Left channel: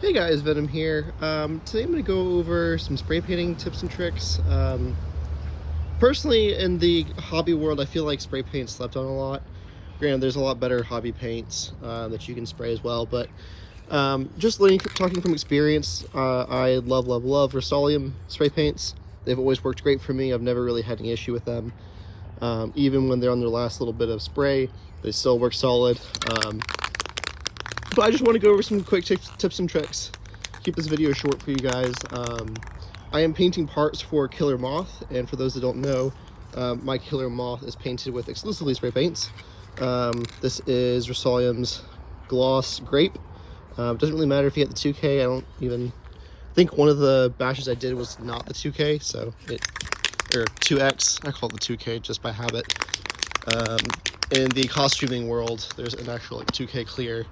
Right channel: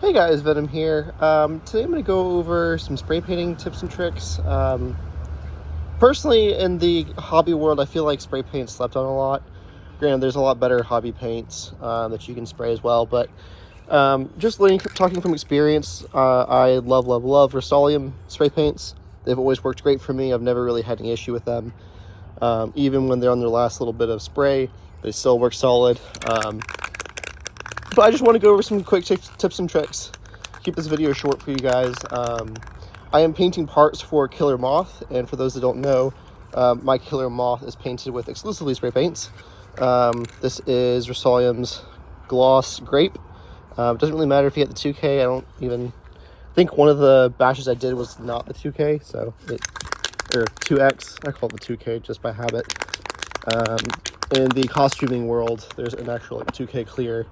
Hey guys, Venom here. Today I'm going to go over some spray painting tips and tricks. Personally, in the hobby world, I feel like spray paint's slept on a lot. Granted, there's a lot better hobby paints that you can spray as well, but just talking from experience, I love Rust-Oleum spray paints. They've always worked great for me. I've never really had any issue with them. Even when they're on their last little bit of spray, they still work solid. But I just want to go over some quick tips and tricks. Keep this video short for you guys. I am painting parts for Killer Moth, and for those that don't know, my Killer Moth is painted with exclusively spray paints. This is Rust-Oleum's Gloss Grape. It doesn't really matter if you get the 2K. I don't even think one of the batches I did was not the 2K, so or 2X. I call it the 2K just by habit. In the costuming world, there's an actual like 2K clear.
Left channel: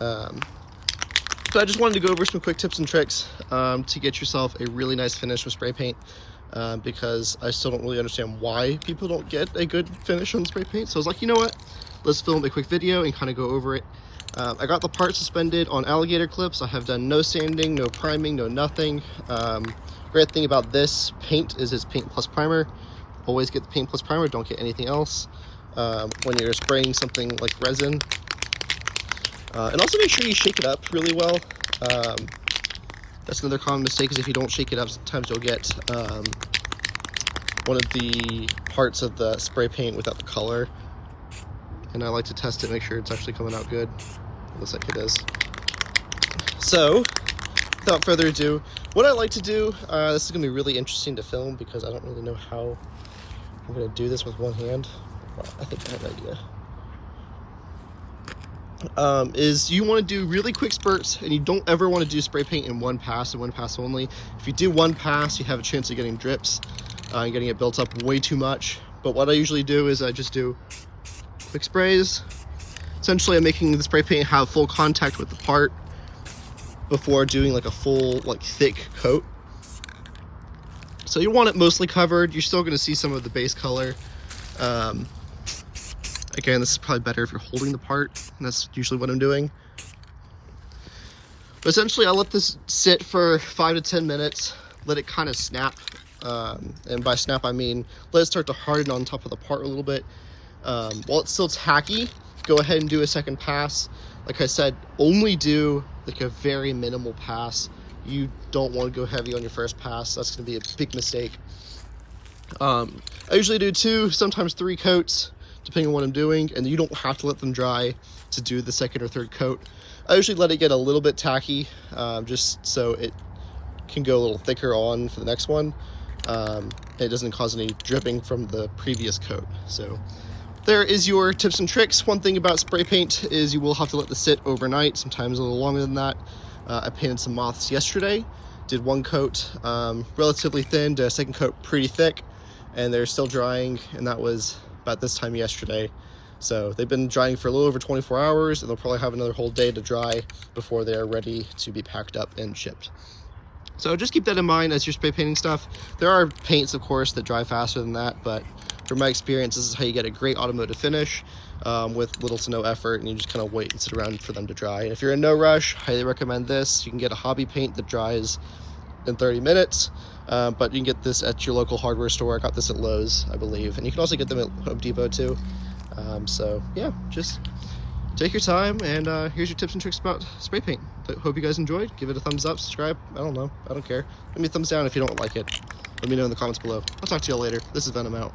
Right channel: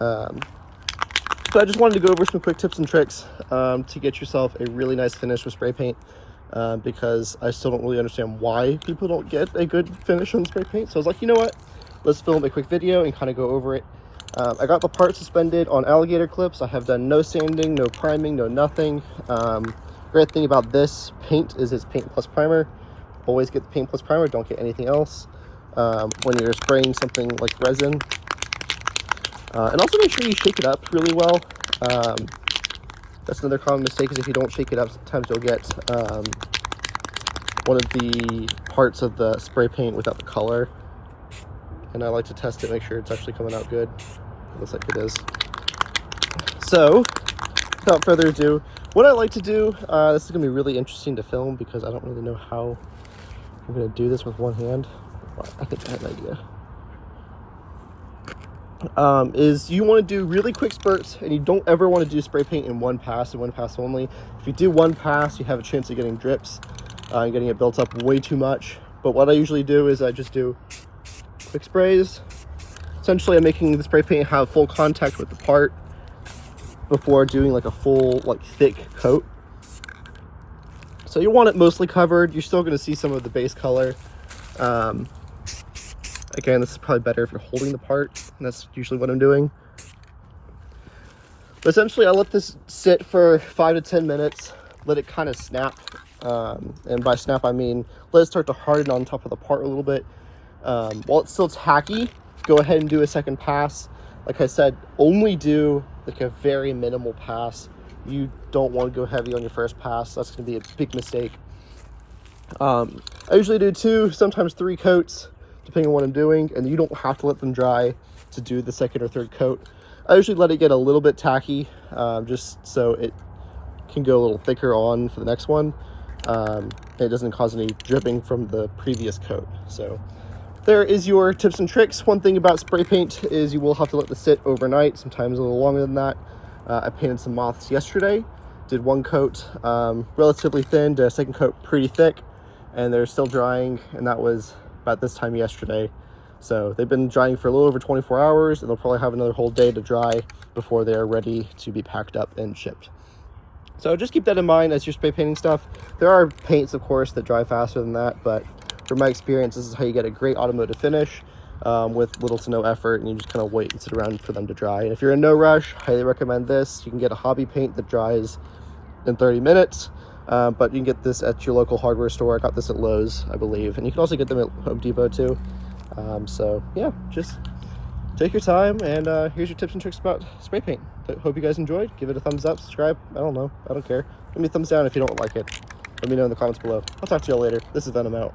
So I just wanted to go over some quick tips and tricks to get yourself a really nice finish with spray paint, because I still don't really understand why people don't get a good finish on spray paint. So I was like, you know what, let's film a quick video and kind of go over it. I got the part suspended on alligator clips. I have done no sanding, no priming, no nothing. Great thing about this paint is it's paint plus primer. Always get the paint plus primer, don't get anything else when you're spraying something like resin. And also make sure you shake it up really well. That's another common mistake, is if you don't shake it up, sometimes you'll get one of the parts of the spray paint without the color. And I like to test it, make sure it's actually coming out good. It looks like it is. So, without further ado, what I like to do, this is going to be really interesting to film because I don't really know how I'm going to do this with one hand. I think I have an idea. Is you want to do really quick spurts, and you don't ever want to do spray paint in one pass and one pass only. If you do one pass, you have a chance of getting drips and getting it built up way too much. But what I usually do is I just do quick sprays. Essentially, I'm making the spray paint have full contact with the part before doing like a full, like, thick coat. So you want it mostly covered. You're still going to see some of the base color. Again, this is probably better if you're holding the part, and that's usually what I'm doing. But essentially, I let this sit for 5 to 10 minutes, let it kind of snap. And by snap, I mean let it start to harden on top of the part a little bit. While it's still tacky, go ahead and do a second pass. Like I said, only do like a very minimal pass. You don't want to go heavy on your first pass. That's going to be a big mistake. I usually do 2, sometimes 3 coats, depending on what I'm doing, and you don't have to let them dry to do the second or third coat. I usually let it get a little bit tacky, just so it can go a little thicker on for the next one. It doesn't cause any dripping from the previous coat. So there is your tips and tricks. One thing about spray paint is you will have to let this sit overnight, sometimes a little longer than that. I painted some moths yesterday, did 1 coat relatively thin, did a second coat pretty thick, and they're still drying, and that was about this time yesterday. So they've been drying for a little over 24 hours, and they'll probably have another whole day to dry before they're ready to be packed up and shipped. So just keep that in mind as you're spray painting stuff. There are paints, of course, that dry faster than that, but from my experience, this is how you get a great automotive finish with little to no effort, and you just kind of wait and sit around for them to dry. And if you're in no rush, highly recommend this. You can get a hobby paint that dries in 30 minutes. But you can get this at your local hardware store. I got this at Lowe's, I believe, and you can also get them at Home Depot too. So yeah, just take your time, and here's your tips and tricks about spray paint. Hope you guys enjoyed. Give it a thumbs up, subscribe, I don't know, I don't care. Give me a thumbs down if you don't like it. Let me know in the comments below. I'll talk to y'all later. This is Venom out.